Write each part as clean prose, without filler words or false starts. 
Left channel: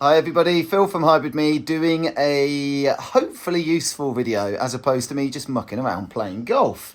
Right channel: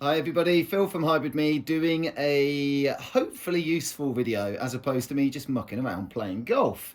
Hi everybody, Phil from Hybrid Me doing a hopefully useful video as opposed to me just mucking around playing golf.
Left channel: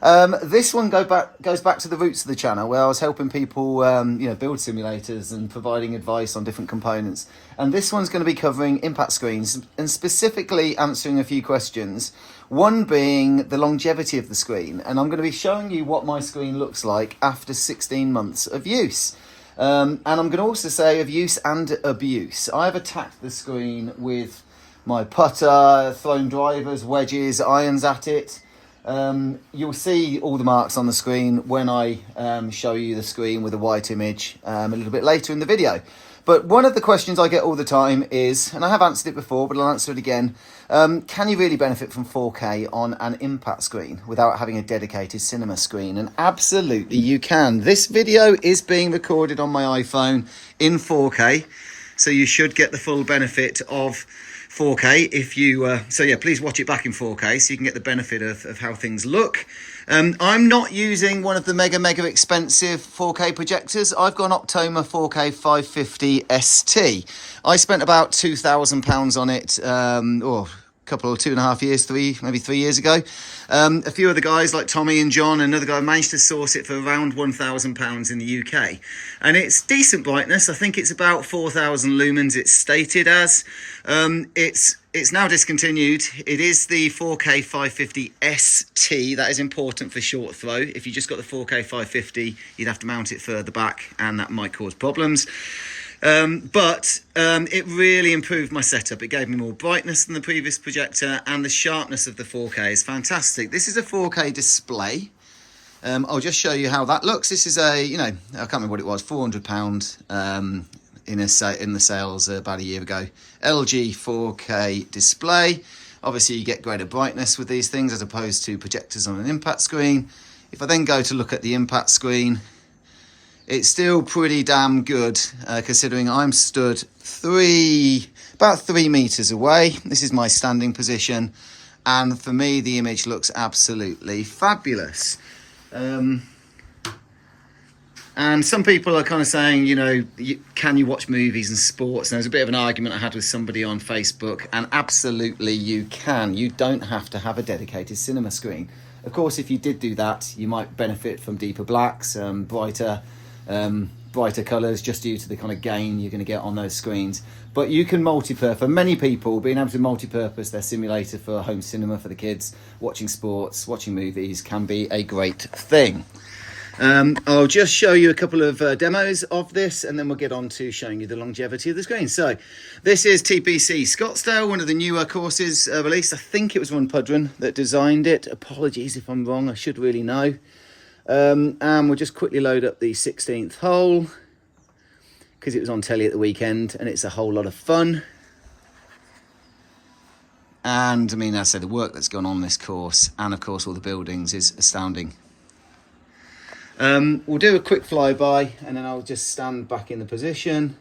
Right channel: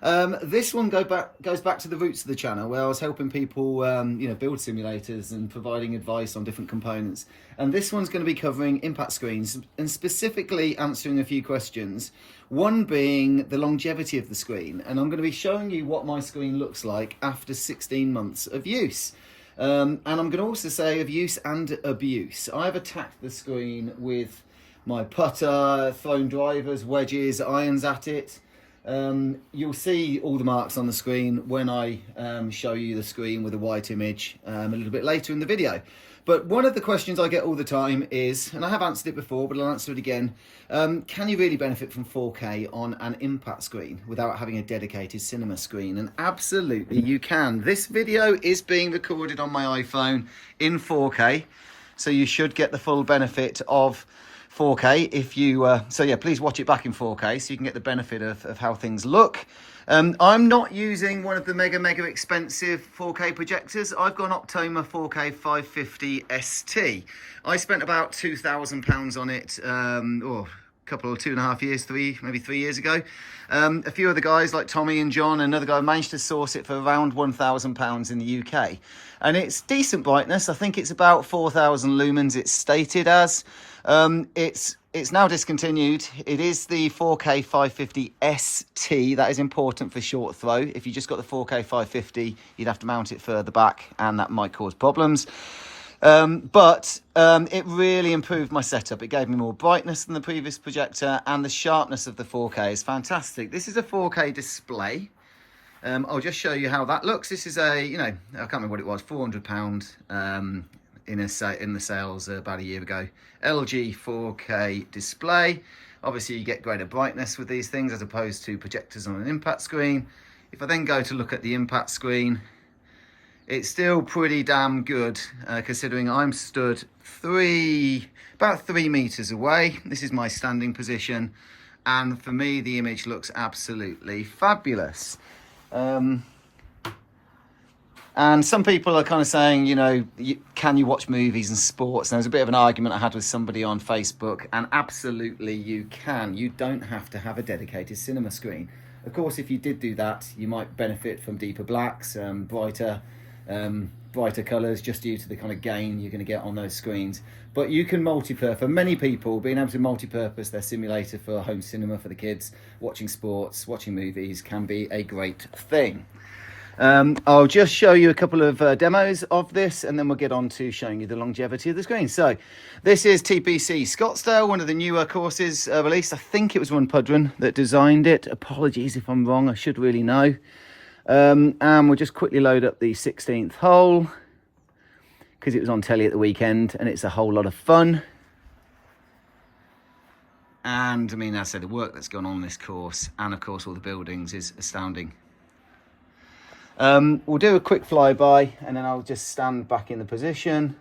This one goes back to the roots of the channel where I was helping people build simulators and providing advice on different components. And this one's going to be covering impact screens and specifically answering a few questions. One being the longevity of the screen, and I'm going to be showing you what my screen looks like after 16 months of use. And I'm going to also say of use and abuse. I've attacked the screen with my putter, thrown drivers, wedges, irons at it. You'll see all the marks on the screen when I show you the screen with a white image a little bit later in the video. But one of the questions I get all the time is, and I have answered it before, but I'll answer it again, can you really benefit from 4K on an impact screen without having a dedicated cinema screen? And absolutely you can. This video is being recorded on my iPhone in 4K, so you should get the full benefit of 4K if you, please watch it back in 4K so you can get the benefit of how things look. I'm not using one of the mega expensive 4K projectors. I've got an Optoma 4K 550 ST. I spent about £2,000 on it, or a couple, 2.5 years, maybe 3 years ago. A few other guys like Tommy and John, another guy, managed to source it for around £1,000 in the UK. And it's decent brightness. I think it's about 4,000 lumens it's stated as. It's now discontinued. It is the 4K 550 ST. That is important for short throw. If you just got the 4K 550, you'd have to mount it further back and that might cause problems. But it really improved my setup. It gave me more brightness than the previous projector and the sharpness of the 4K is fantastic. This is a 4K display. I'll just show you how that looks. This is a, I can't remember what it was, £400 in the sales about a year ago. LG 4K display. Obviously you get greater brightness with these things as opposed to projectors on an impact screen. If I then go to look at the impact screen, it's still pretty damn good considering I'm stood about 3 meters away. This is my standing position, and for me the image looks absolutely fabulous. And some people are kind of saying, can you watch movies and sports? And there's a bit of an argument I had with somebody on Facebook, and absolutely you can. You don't have to have a dedicated cinema screen. Of course, if you did do that, you might benefit from deeper blacks, brighter colours, just due to the kind of gain you're going to get on those screens. But you can multi-purpose. For many people, being able to multi-purpose their simulator for home cinema for the kids, watching sports, watching movies can be a great thing. I'll just show you a couple of demos of this and then we'll get on to showing you the longevity of the screen. So this is TPC Scottsdale, one of the newer courses released. I think it was runpuddrun that designed it. Apologies if I'm wrong, I should really know. And we'll just quickly load up the 16th hole because it was on telly at the weekend and it's a whole lot of fun. And I mean, as I said, the work that's gone on this course and of course all the buildings is astounding. We'll do a quick flyby and then I'll just stand back in the position.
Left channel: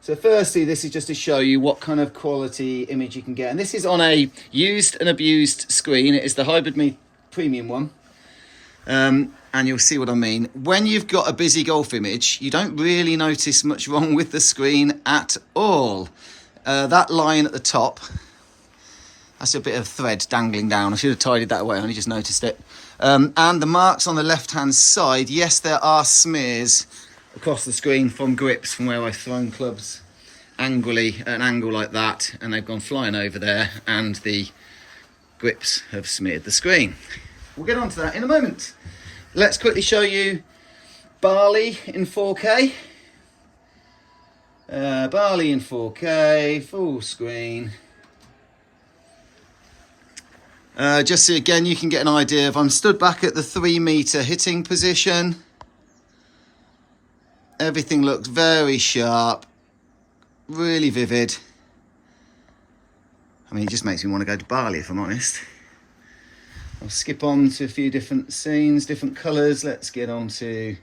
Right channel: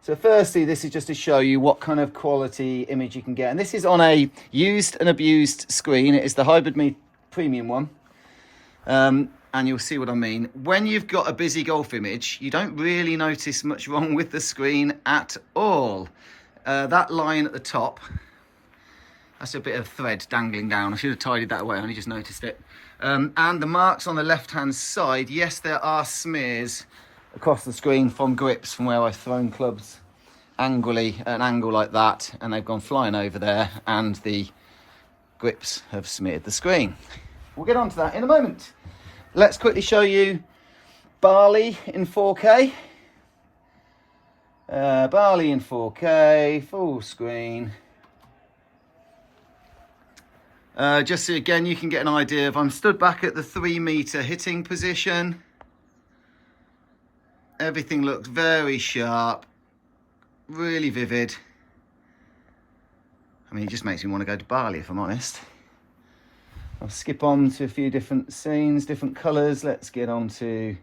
So firstly, this is just to show you what kind of quality image you can get. And this is on a used and abused screen. It is the Hybrid Me premium one. And you'll see what I mean. When you've got a busy golf image, you don't really notice much wrong with the screen at all. That line at the top, that's a bit of thread dangling down. I should have tidied that away, I only just noticed it. And the marks on the left-hand side, yes, there are smears across the screen from grips from where I've thrown clubs angrily at an angle like that, and they've gone flying over there, and the grips have smeared the screen. We'll get on to that in a moment. Let's quickly show you Bali in 4K. Bali in 4K, full screen. Just so again you can get an idea of, I'm stood back at the 3 meter hitting position. Everything looks very sharp, really vivid. I mean, it just makes me want to go to Bali, if I'm honest. I'll skip on to a few different scenes, different colours. Let's get on to,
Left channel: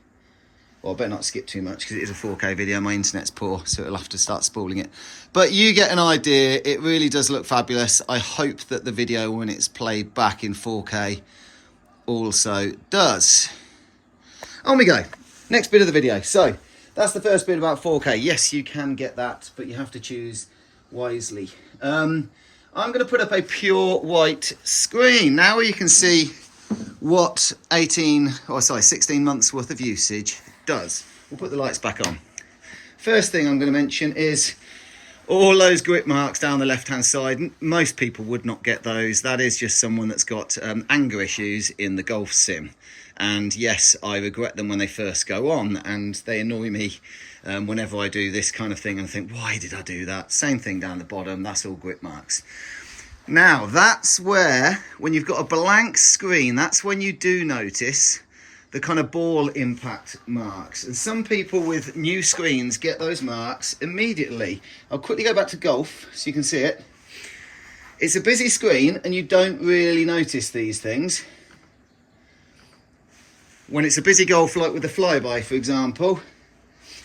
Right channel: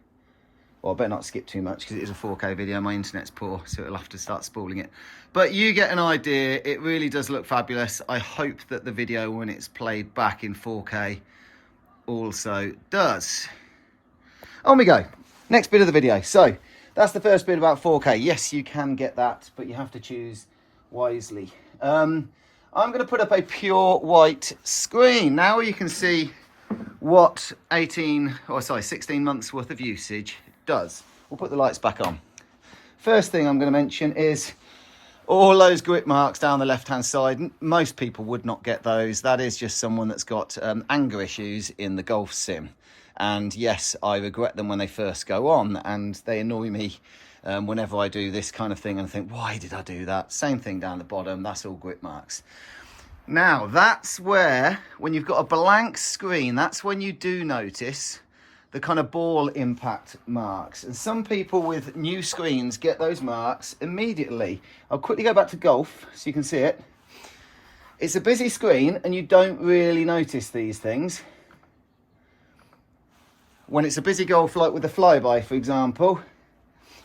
well, I better not skip too much because it is a 4K video. My internet's poor, so it'll have to start spooling it. But you get an idea. It really does look fabulous. I hope that the video, when it's played back in 4K, also does. On we go. Next bit of the video. So that's the first bit about 4K. Yes, you can get that, but you have to choose wisely. I'm going to put up a pure white screen. Now you can see what 16 months worth of usage does. We'll put the lights back on. First thing I'm going to mention is all those grip marks down the left-hand side. Most people would not get those. That is just someone that's got anger issues in the golf sim. And yes, I regret them when they first go on, and they annoy me whenever I do this kind of thing and I think, why did I do that? Same thing down the bottom, that's all grip marks. Now, that's where, when you've got a blank screen, that's when you do notice the kind of ball impact marks. And some people with new screens get those marks immediately. I'll quickly go back to golf so you can see it. It's a busy screen and you don't really notice these things. When it's a busy golf, like with the flyby, for example,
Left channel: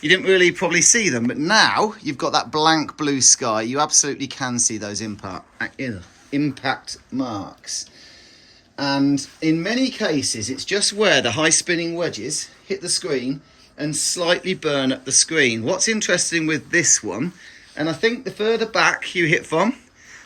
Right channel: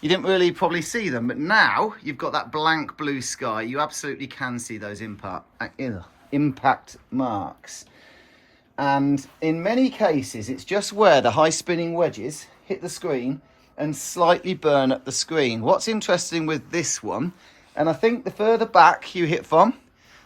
you didn't really probably see them, but now you've got that blank blue sky, you absolutely can see those impact marks. And in many cases, it's just where the high spinning wedges hit the screen and slightly burn up the screen. What's interesting with this one, and I think the further back you hit from,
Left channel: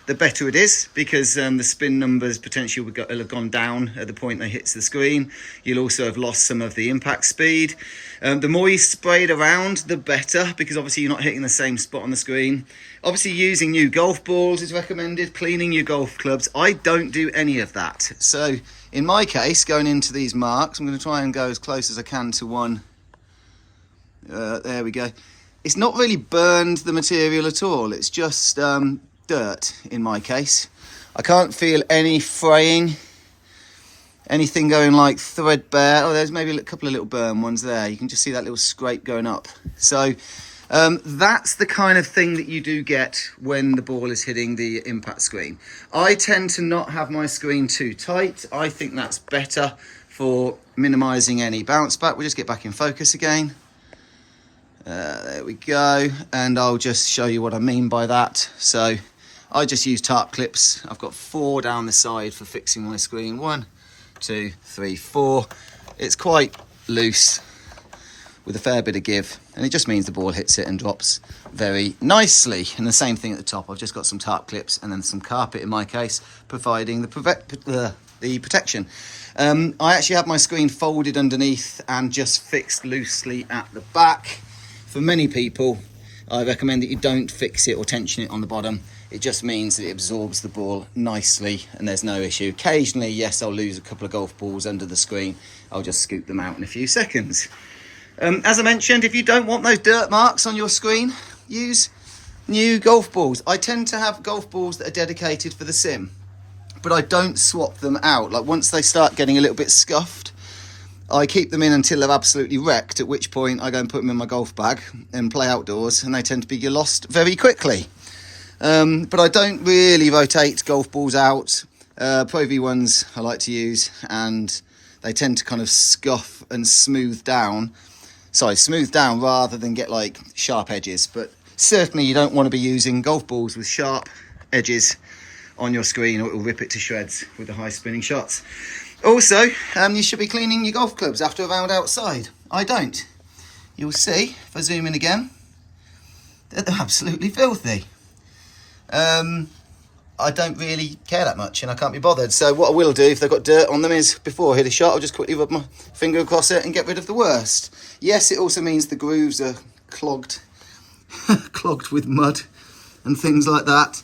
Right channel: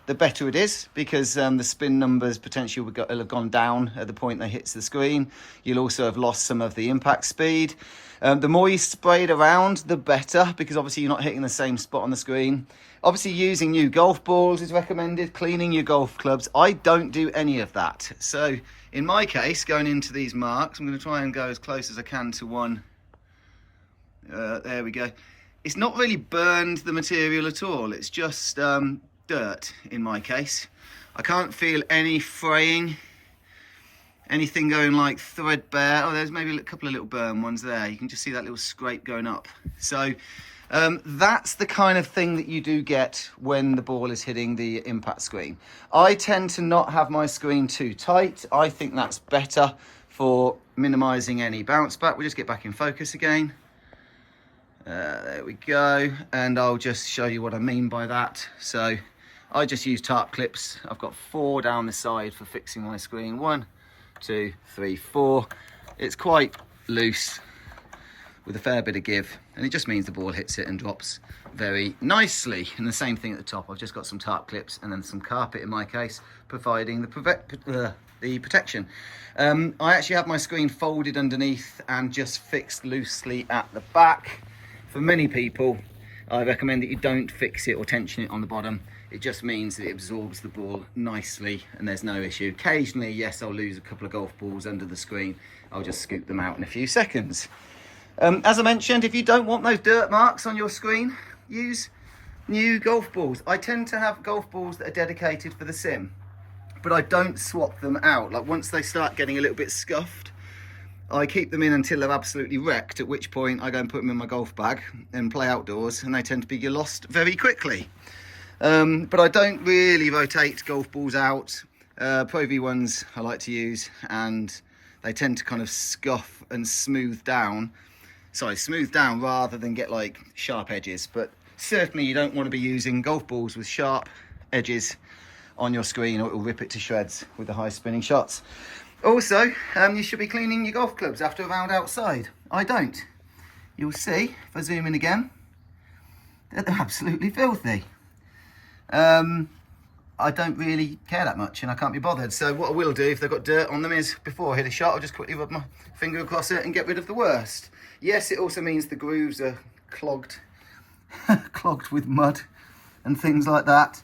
the better it is, because the spin numbers potentially will have gone down at the point they hits the screen. You'll also have lost some of the impact speed. The more you spray it around, the better, because obviously you're not hitting the same spot on the screen. Obviously using new golf balls is recommended, cleaning your golf clubs. I don't do any of that. So in my case, going into these marks, I'm going to try and go as close as I can to one. There we go. It's not really burned the material at all. It's just dirt in my case. I can't feel any fraying, anything going like threadbare. Oh, there's maybe a couple of little burn ones there. You can just see that little scrape going up. So that's the kind of thing that you do get when the ball is hitting the impact screen. I tend to not have my screen too tight. I think that's better for minimizing any bounce back. We'll just get back in focus again. There we go. And I'll just show you what I mean by that. So I just use tarp clips. I've got 4 down the side for fixing my screen. 1, 2, 3, 4. It's quite loose with a fair bit of give, and it just means the ball hits it and drops very nicely. And the same thing at the top. I've just got some tarp clips and then some carpet in my case, providing the protection. I actually have my screen folded underneath and just fixed loosely at the back. For many people, I recommend that you don't fix it or tension it on the bottom. It just means that it absorbs the ball nicely and there's no issue. Occasionally, yes, I'll lose a couple of golf balls under the screen. I'll just scoop them out in a few seconds. As I mentioned, if you don't want those dirt marks on your screen, use new golf balls. I tend to have golf balls that are dedicated for the sim, but I don't swap them out. Like once they start getting a little bit scuffed, I keep them in until they're absolutely wrecked, at which point I go and put them in my golf bag and play outdoors, and they tend to be lost very quickly. But I don't really rotate golf balls out. Pro V ones I like to use, and they tend to kind of scuff and smooth down rather than get like sharp edges. But certainly you don't want to be using golf balls with sharp edges on your screen, or it will rip it to shreds with the high spinning shots. Also, you should be cleaning your golf clubs after a round outside. I don't. You'll see, if I zoom in again, that they're absolutely filthy. I don't really care that much, and I can't be bothered. So what I will do if they've got dirt on them is, before I hit a shot, I'll just quickly rub my finger across it and get rid of the worst. Yes, it also means the grooves are clogged with mud and things like that.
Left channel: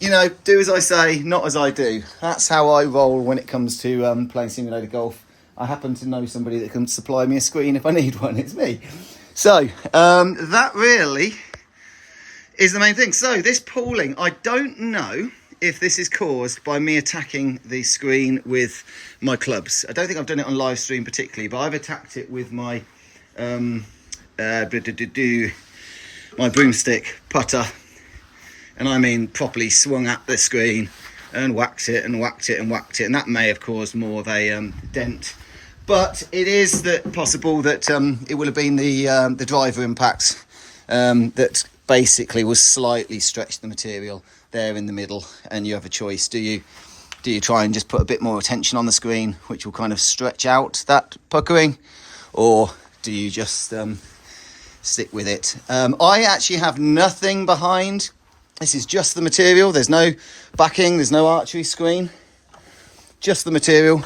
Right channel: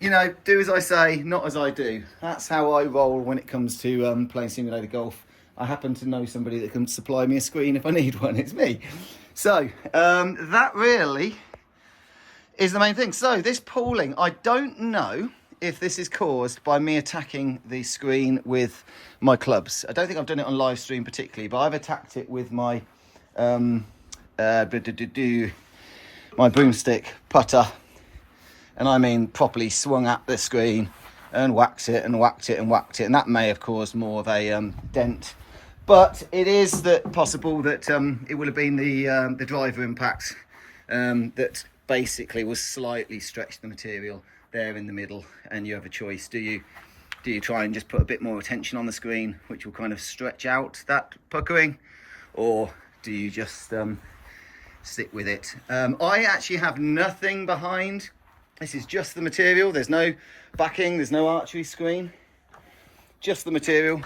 You know, do as I say, not as I do. That's how I roll when it comes to playing simulator golf. I happen to know somebody that can supply me a screen if I need one. It's me. So that really is the main thing. So this pooling, I don't know if this is caused by me attacking the screen with my clubs. I don't think I've done it on live stream particularly, but I've attacked it with my my broomstick putter. And I mean properly swung at the screen and whacked it and whacked it and whacked it. And that may have caused more of a dent. But it is possible that it will have been the driver impacts that basically was slightly stretched the material there in the middle. And you have a choice. Do you try and just put a bit more attention on the screen, which will kind of stretch out that puckering? Or do you just stick with it. I actually have nothing behind. This is just the material. There's no backing, there's no archery screen, just the material.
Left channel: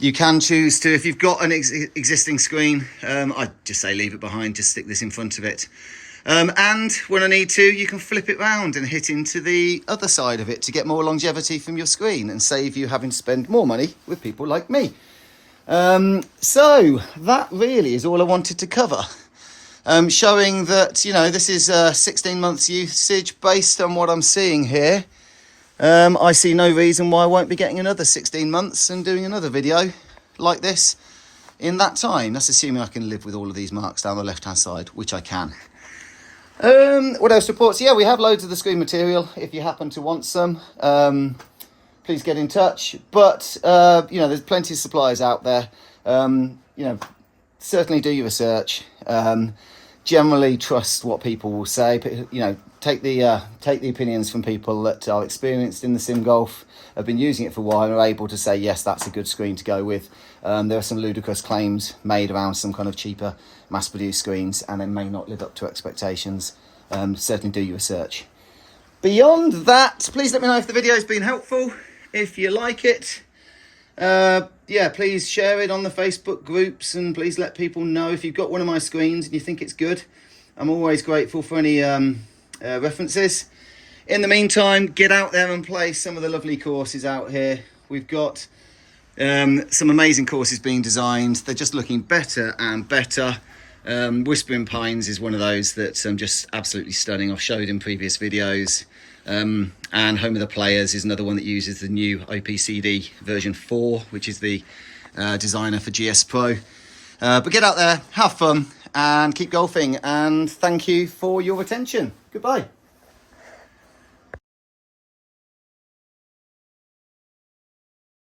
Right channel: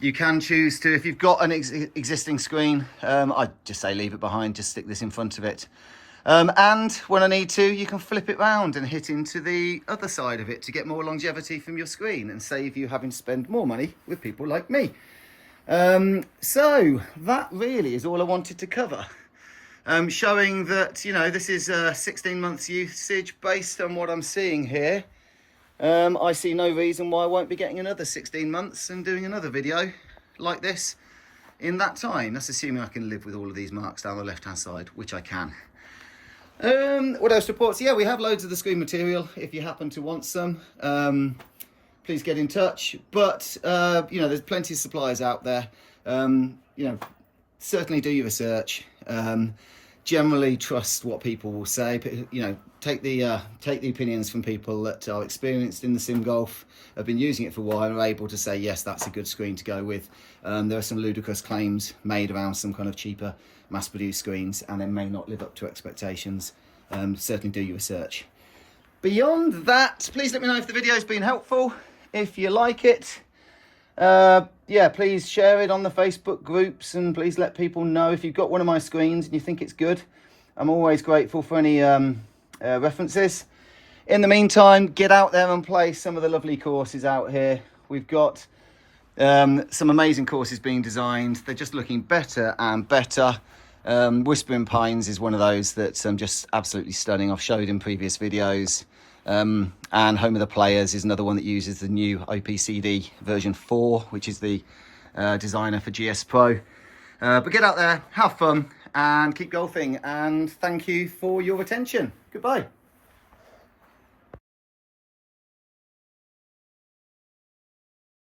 You can choose to, if you've got an existing screen, I'd just say leave it behind, just stick this in front of it. And when I need to, you can flip it round and hit into the other side of it to get more longevity from your screen and save you having to spend more money with people like me. So that really is all I wanted to cover. Showing that, you know, this is 16 months usage based on what I'm seeing here. I see no reason why I won't be getting another 16 months and doing another video like this in that time. That's assuming I can live with all of these marks down the left hand side, which I can. What else reports? Yeah, we have loads of the screen material. If you happen to want some, please get in touch. But, you know, there's plenty of suppliers out there. You know, certainly do your research. Generally trust what people will say. You know, take the opinions from people that are experienced in the sim golf, have been using it for a while, and are able to say, yes, that's a good screen to go with. There are some ludicrous claims made around some kind of cheaper mass-produced screens, and they may not live up to expectations. Certainly do your research. Beyond that, please let me know if the video has been helpful. If you like it, yeah, please share it on the Facebook groups, and please let people know if you've got one of my screens and you think it's good. I'm always grateful for any references. In the meantime, get out there and play some of the lovely courses out here. We've got some amazing courses being designed. They're just looking better and better. Whispering Pines is one of those that's just absolutely stunning. I've showed in previous videos. And Home of the Players is another one that uses the new OPCD version 4, which is the designer for GS Pro. But get out there, have fun, and keep golfing. And thank you for your attention. Goodbye.